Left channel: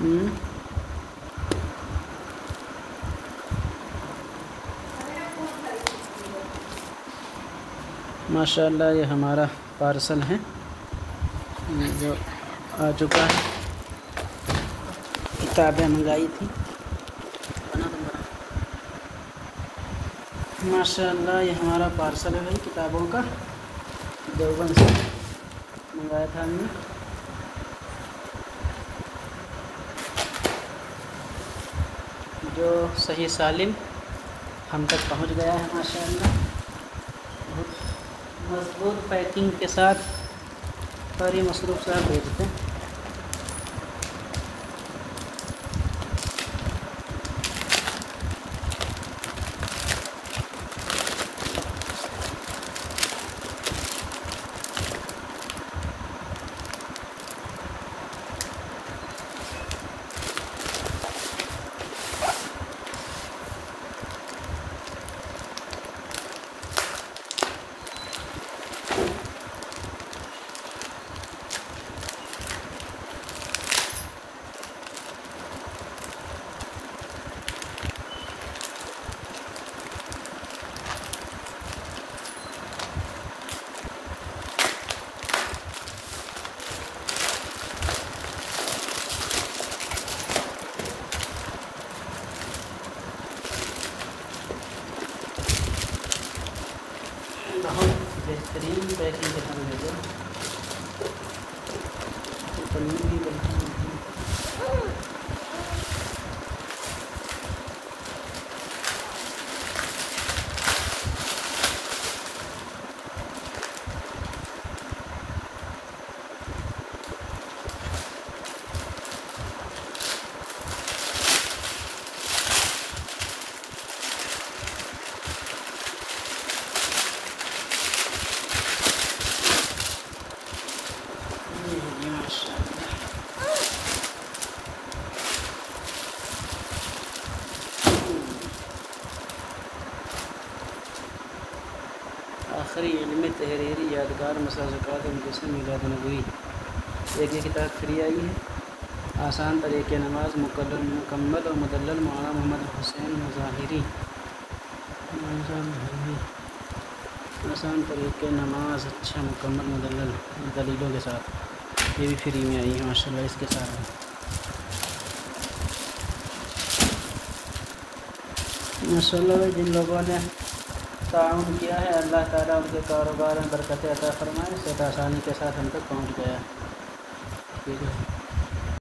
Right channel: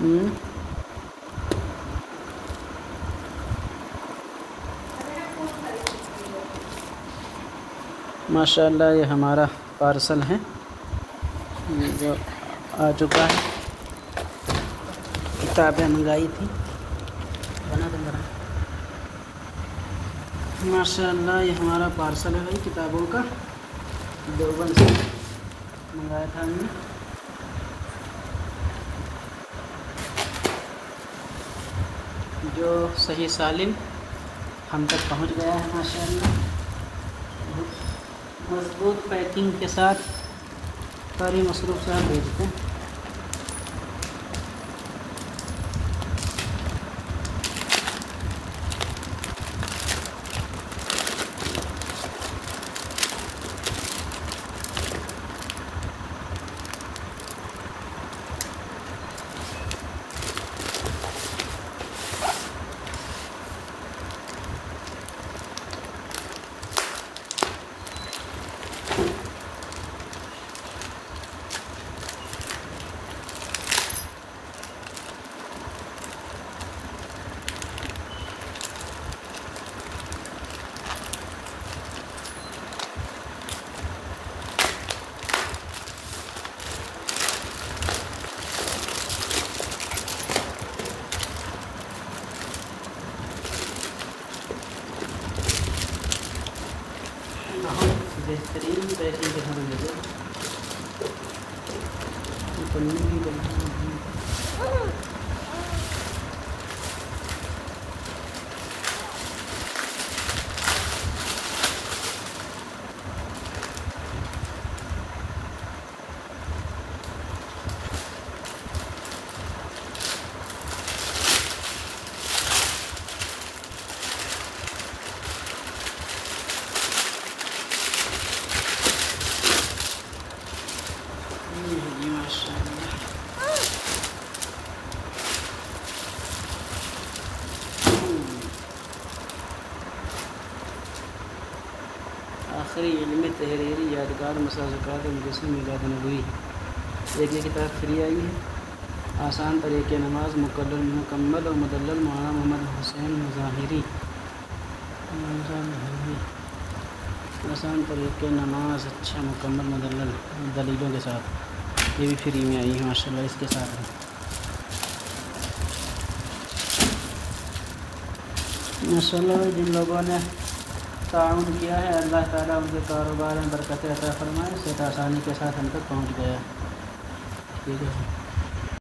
हम्म, माशाल्लाह ये हमारा पार्सल है जो आ चुका है। किताबें मंगाई थी, बना तुम बना। माशाल्लाह ये हमारा पार्सल है भाई किताबों का, देवबंद से मंगाया था हमने। जो सही सालिम हम तक पहुंच गया है माशाल्लाह। मजबूत पैकिंग के साथ सारी मसरूफ़ से भेजते हैं। बहुत बेहतरीन पैकिंग के साथ भेजो। पनीर भी बनता है। आखिरी इल्म तहरीरी यादगार मसाज़क़ात मुजस्सिम मिलाद नबवी। एक ये किताब फ्री आई है। आसान तरीक़े नमाज मुकम्मल और मुदल्लल मौलाना मोहम्मद हुसैन मुज़ाहिरी। आसान तरीक़े नमाज अच्छा मुकम्मल मुदल्लल दलीलों के साथ, ये भी फ्री में आई है माशाल्लाह। इसके साथ है माशाल्लाह। जिन लोगों ने ताउन किया है अल्लाह ताला उनके कारोबार में बरकत अता फरमाए। सब आसानी के साथ हम तक पहुँच गया। ठीक है।